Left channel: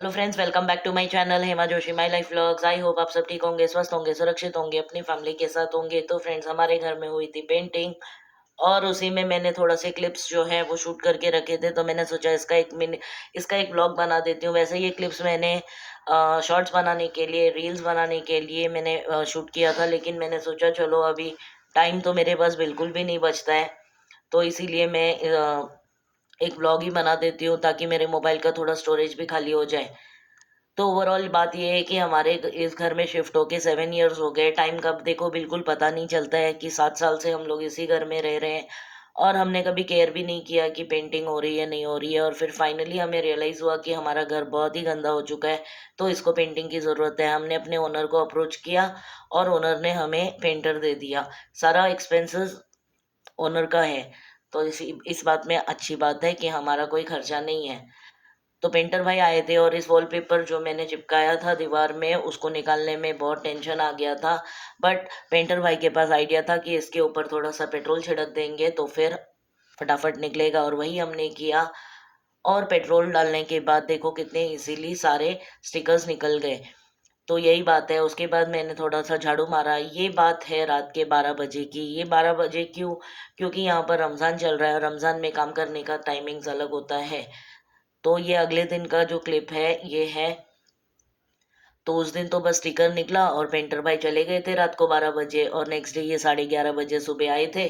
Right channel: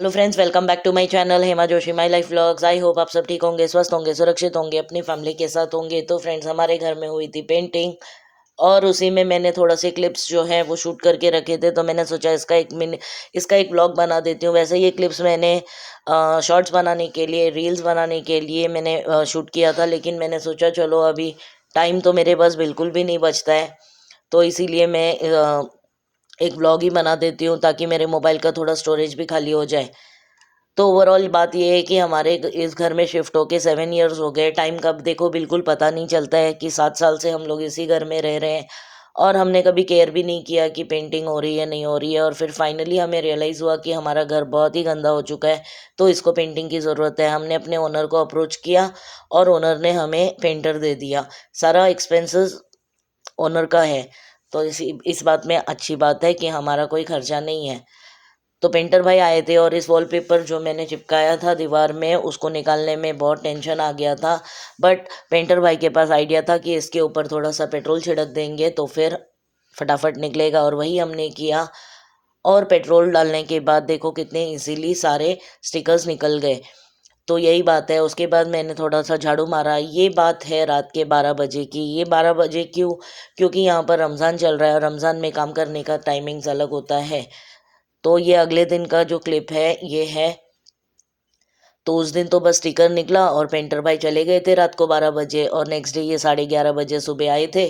Hello friends, welcome back to my channel Hema Joshi my life vlogs. I hope आप सब ठीक होंगे, स्वस्थ होंगे, सुरक्षित होंगे, अपनी फैमिली के साथ होंगे। तो फ्रेंड्स, हमारे घर में हुई थी पेंटिंग और उसी में मैंने थोड़ा से क्लिप्स जो है वो शूट करके रखे थे। तो मैंने सोचा इसका एक व्लॉग बना देती हूँ। वैसे ये क्लिप्स मैंने शॉर्ट्स बनाने के लिए, रील्स बनाने के लिए मैंने शूट किया था, लेकिन मैंने सोचा चलो अभी टाइम तो मेरे पास बिल्कुल भी नहीं बचता है, तो इसीलिए मैं एक व्लॉग ही बना देती हूँ ताकि मेरे मोबाइल का थोड़ा स्टोरेज भी खाली हो जाए। तो ओवरऑल बात ये है कि हमारे इस घर में शिफ्ट होके 7 इयर्स हो गए। टाइम कब देखो बिल्कुल पता नहीं चलता है कि 7 साल से हम लोग इसी घर में रह रहे हैं और हमने कभी केयर भी नहीं किया कि पेंटिंग हो रही है नहीं हो रही है। और फिर फाइनली हमें रियलाइज़ हुआ कि हमारा घर बहुत ही गंदा हो चुका है, तो इसको पेंटिंग की ज़रूरत है। हमने अपने ओनर को अप्रोच किया और ओनर ने हमें पेंटर दे दिया। सारा एक्सपेंसेस ओनर का है, तो इस बात में अच्छी बात है कि हमारा कोई खर्चा नहीं है। तो पेंटर भाई आए थे और इस वॉलपेपर जो मैंने चिपकाया था दीवार में उसको निकालने में बहुत टेंशन आ गया था। बट पेंटर भाई के पास आइडिया था कि इसके ऊपर थोड़ा सा पेट्रोल छिड़क देंगे तो फिर फटाफट निकलेगा, और वही हमने किया। और पेट्रोल डालने के बाद देखो कितने इजीली सारे स्टिकर्स निकल गए। तो यही बात है। उसके बाद मैंने थोड़ा सा झाड़ू मारा। ये बात है रात के 12 बजे की। ये 12 बजे क्यों? क्योंकि यहाँ पर रमज़ान चल रहा है और रमज़ान में काम करने का टाइमिंग्स अलग होता है। तो ये अगले दिन का जो क्लिप है ये है। तो उस दिन तो बस स्टिकर निकला और पेंटर भाई चले गए थे रात को 12 बजे, और नेक्स्ट डे ये 11:30 बजे सुबह आए थे।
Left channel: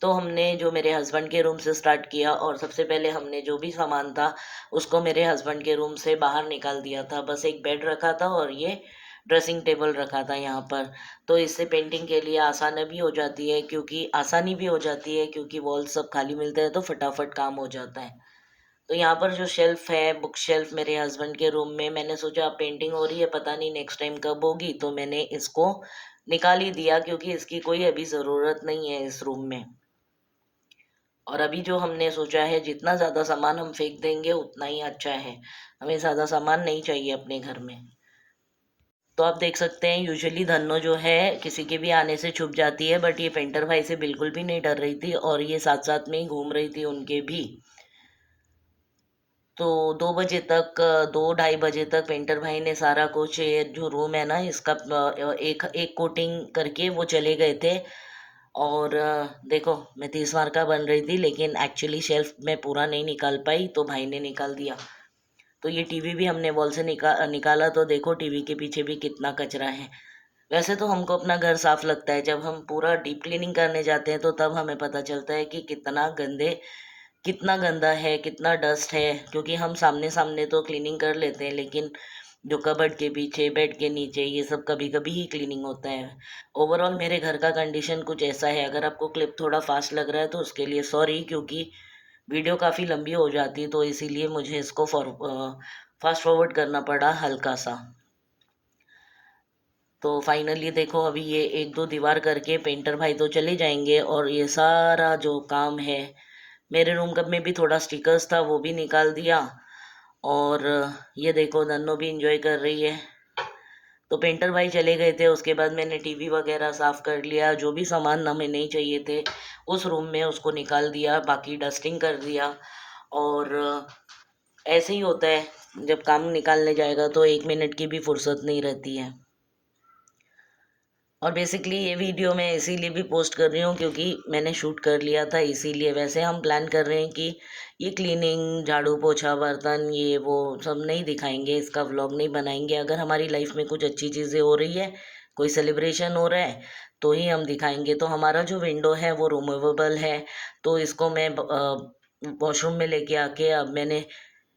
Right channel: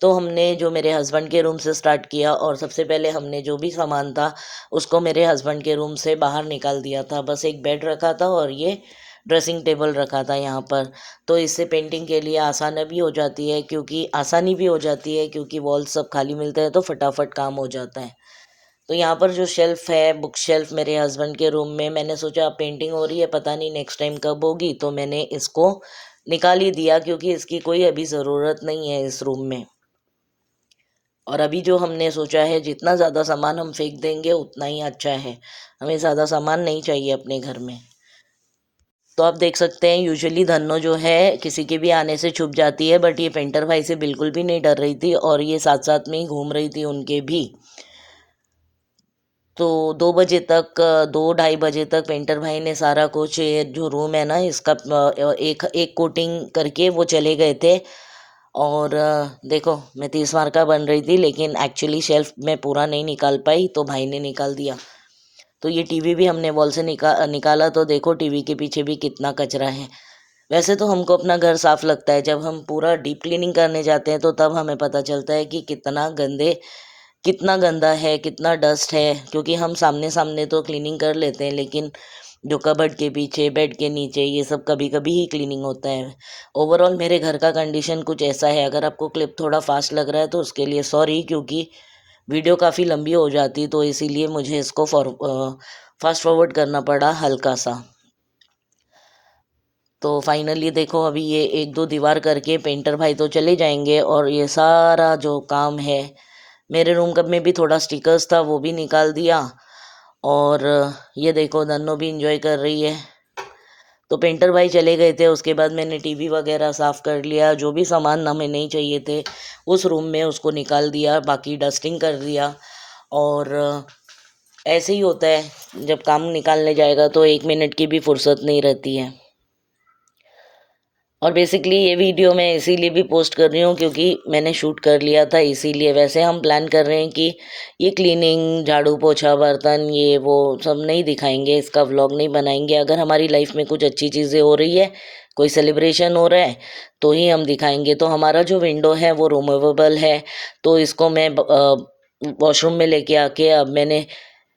तो हमने जो मेरे हस्बैंड के रूम से स्टार्ट किया और सबसे पहले हमने जो भी सामान था उसको मेरे हस्बैंड के रूम से बाहर निकाल दिया था। बस एक बेड रखा था और ये ड्रेसिंग टेबल रखा था यहाँ पर। तो इससे पेंटिंग के लिए आसानी भी हो जाती है क्योंकि वॉल सब खाली मिलता है तो फटाफट काम हो जाता है। तो यहाँ पर जो शेल्फ है, बुक शेल्फ मेरे हस्बैंड के रूम में, मैंने सोचा पेंटिंग हो रही है, पता नहीं नेक्स्ट टाइम कब होगी, तो मैंने इसको निकाल ही दिया क्योंकि इसकी कोई अभी ज़रूरत नहीं है इस रूम में। और अभी जो हमने सोचा है जितना ज़्यादा सामान हम फेंक देंगे उतना ही अच्छा है। हमें ज़्यादा सामान नहीं चाहिए अपने घर में। तो आप देख सकते हैं यूजुअली धन्नो जो है किसी के भी आने से छुप जाती है, बट ये पेंटर भाई से बिल्कुल भी नहीं डर रही थी और ये साथ साथ में ही घूम रही थी उनके भी। तो 2 बजे तक, 2 ढाई बजे तक पेंटर भाई ने सारा कुछ, ये जो रूम है ना इसका एक एक कोटिंग करके वो चले गए थे। और देखो मैं 30 मार का बन रही थी लेकिन एक्चुअली शेल्फ में पूरा नहीं निकाल पाई तो भाई ने निकाल दिया। तो ये टीवी भी हमने वॉल से निकाला तो देखो टीवी के पीछे भी कितना कचरा है। वैसे तो हमको अपना घर साफ लगता है, जब हम पूरा डीप क्लीनिंग करने जाते हैं तो तब हमें पता चलता है कि कितना गंदा है, कितना डस्ट है। क्योंकि हम सामने सामने तो क्लीनिंग कर लेते हैं लेकिन जो कबर्ड के पीछे, बेड के नीचे, ये सब कभी कभी ही क्लीनिंग होता है। ओवरऑल मेरे घर का कंडीशन कुछ ऐसा है। अगर आपको क्लिप थोड़ा फास्ट लग रहा है तो उसके लिए सॉरी, क्योंकि वीडियो काफ़ी लंबी हो जाती तो इसीलिए मुझे इसको फास्ट फॉरवर्ड करना पड़ा हल्का सा। तो फाइनली देखो अभी ये एक दो दीवार करके पेंटर भाई तो चले जाएंगे और ये सारा जो काम है, मेरे रूम कब में भी थोड़ा स्टिकर्स था वो भी निकाल दिया। और ये देखो नन्नो भी इंजॉय कर रही है। तो पेंटर भाई चले गए थे, उसके बाद मैंने टीवी वगैरह साफ़ कर लिया। जो भी सामान हमें नहीं चाहिए थे उस रूम में उसको निकाल दिया, बाकी डस्टिंग कर दिया। और ऐसे ही होता है, जब काम निकालने जाएगा तो 1 मिनट की भी फुर्सत नहीं रहती है। और बेसिकली ये वीडियो मैं इसीलिए भी पोस्ट कर रही हूँ क्योंकि मैंने शूट कर लिया था इसीलिए। वैसे हम प्लान कर रहे हैं कि ये क्लीनिंग, झाड़ू पोछा, बर्तन, ये वो सब नहीं दिखाएंगे, इसका व्लॉग नहीं बनाएंगे। अगर हमारी लाइफ में कुछ अच्छी चीज़ें हो रही है, कोई सेलिब्रेशन हो रहा है तो ही हम दिखाएंगे। तो हमारा जो विंडो है वो रिमूवेबल है, तो इसको मैं वॉशरूम में लेके आके अब मैंने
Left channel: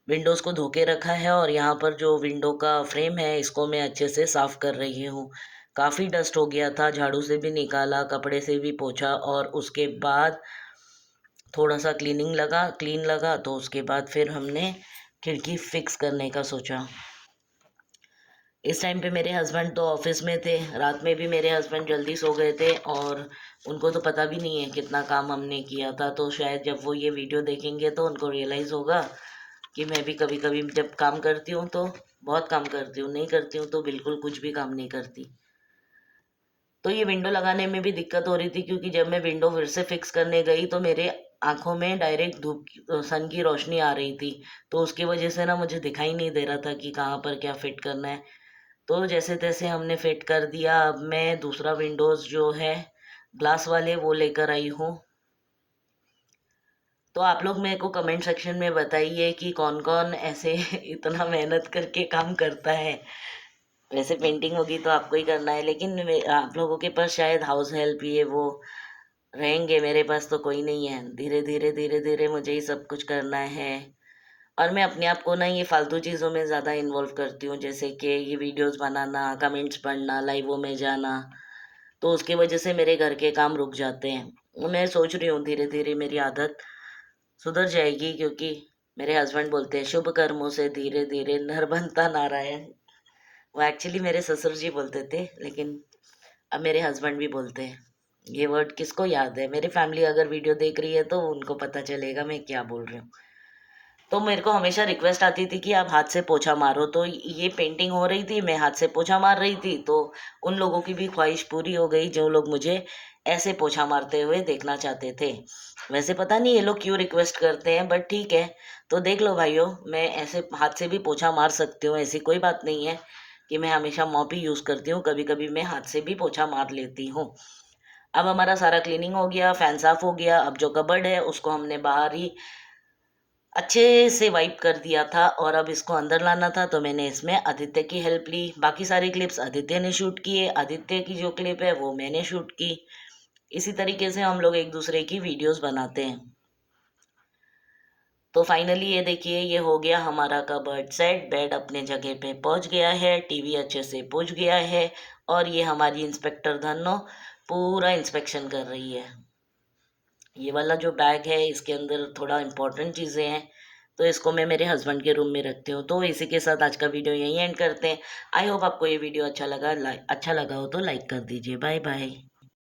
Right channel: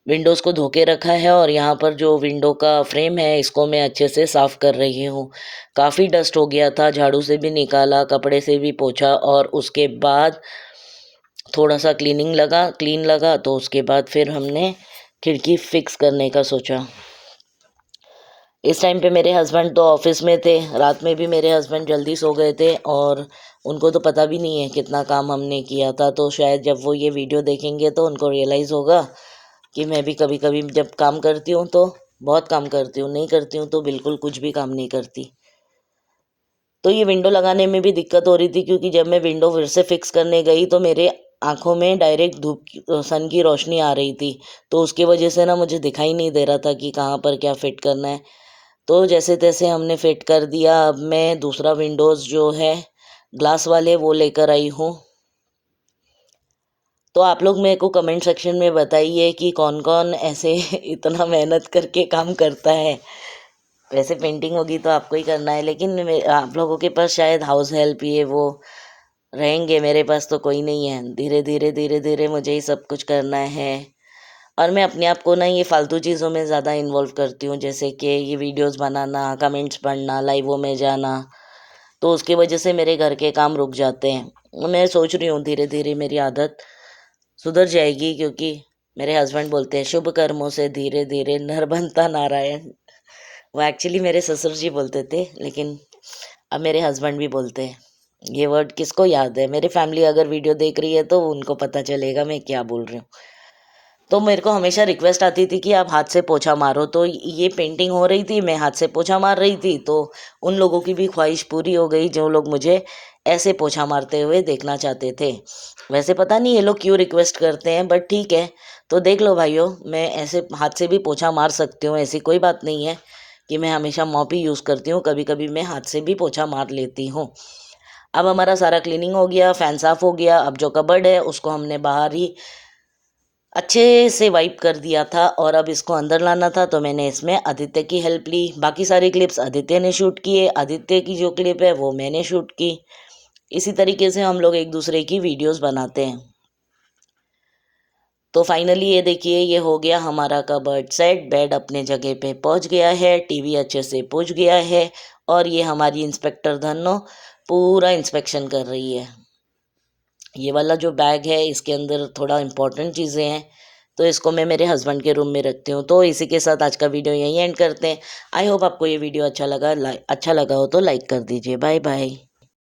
विंडोज़ को धो के रखा है और यहाँ पर जो विंडो का फ्रेम है इसको मैं अच्छे से साफ़ कर रही हूँ। काफ़ी डस्ट हो गया था, झाड़ू से भी निकाला, कपड़े से भी पोंछा और उसके बाद थोड़ा सा क्लीन लगा तो उसके बाद फिर हमने खिड़की फिक्स करने का सोचा। इस टाइम पे मेरे हस्बैंड तो ऑफिस में थे। रात में भी मेरे हस्बैंड जल्दी सो गए थे और उनको तो पता भी नहीं है कितना काम हमने किया था। तो शायद जब वो ये वीडियो देखेंगे तो उनको रियलाइज़ होगा कि मैं भी कभी कभी जब काम करती हूँ तो बहुत काम करती हूँ, नहीं करती हूँ तो बिल्कुल कुछ भी काम नहीं करती। तो ये विंडो लगाने में भी दिक्कत हो रही थी क्योंकि जब मैं विंडो फिर से फिक्स करने गई तो मेरे आँखों में डायरेक्ट सन की रोशनी आ रही थी, तो उसकी वजह से ना मुझे दिखाई नहीं दे रहा था कि कहाँ पर क्या फिट करना है। तो जैसे-तैसे हमने फिट कर दिया। अब मैं दूसरा विंडोज़ जो है ग्लास वाले वो लेकर आई हूँ। तो आप लोग मेरे को कमेंट सेक्शन में बताइए कि कौन-कौन ऐसे इतना मेहनत करके काम करता है। वैसे पेंटिंग होगी तो आपको ही करना है, लेकिन आप लोगों के पास शायद हाउस हेल्प ये वो रहेंगे, मेरे पास तो कोई नहीं है। धीरे-धीरे, धीरे-धीरे मुझे ही सब कुछ करना है। और मैं अपने आप को ना ये फ़ालतू चीज़ों में ज़्यादा इन्वॉल्व करती हूँ, जैसे कि ये वीडियोज़ बनाना, कमेंट्स पढ़ना, लाइवों में जाना, तो उसकी वजह से मेरे घर के काम रुक जाते हैं। मैं सोच रही हूँ धीरे-धीरे मेरी आदत सुधर जाएगी, क्योंकि मेरे हस्बैंड बोलते हैं शुभ कर्मों से धीरे-धीरे नर बनता नारायण। वो एक्चुअली मेरे ससुर जी बोलते थे, लेकिन अब मेरे हस्बैंड भी बोलते हैं। ये वर्ड किसको याद है? मेरी फैमिली अगर वीडियो देख रही है तो उनको पता चलेगा मैं क्या बोल रही हूँ। तो मेरे को हमेशा रिक्वेस्ट आती थी कि आप हाथ से पोछा मारो, तो ये पेंटिंग हो रही थी, मैं हाथ से पोछा मार रही थी, तो उन लोगों की भी ख्वाहिश पूरी हो गई जो लोग मुझे ऐसे पोछा मारते हुए देखना चाहते थे। वैसे पता नहीं ये लोग क्यों रिक्वेस्ट करते हैं, बट ठीक है। तो देख लो भाइयों, मैं ऐसे हाथ से भी पोछा मार सकती हूँ, ऐसी कोई बात नहीं है कि मैं हमेशा मॉप ही यूज़ करती हूँ, कभी-कभी मैं हाथ से भी पोछा मार लेती हूँ। अब हमारा सारा क्लीनिंग हो गया, फैन साफ हो गया, अब जो कबर्ड है उसको हमने बाहर ही अच्छे से वाइप कर दिया था और अब इसको अंदर लाना था, तो मैंने इसमें आदित्य की हेल्प ली। बाकी सारी क्लिप्स आदित्य ने शूट किए, आदित्य की जो क्लिप है वो मैंने शूट की। इसी तरीके से हम लोग एक दूसरे की वीडियोस बनाते हैं। तो फाइनली ये देखिए, ये हो गया हमारा कबर्ड सेट। बेड अपने जगह पे पहुंच गया है, टीवी अच्छे से पहुंच गया है, और ये हमारी इंस्पेक्टर धन्नो पूरा इंस्पेक्शन कर रही है। ये वाला जो बैग है इसके अंदर थोड़ा इम्पोर्टेंट चीज़ें हैं, तो इसको मैं मेरे हस्बैंड के रूम में रखती हूँ। तो इसी के साथ आज का वीडियो यहीं एंड करते हैं। आई होप आपको ये वीडियो अच्छा लगा हो तो लाइक कर दीजिए। Bye bye.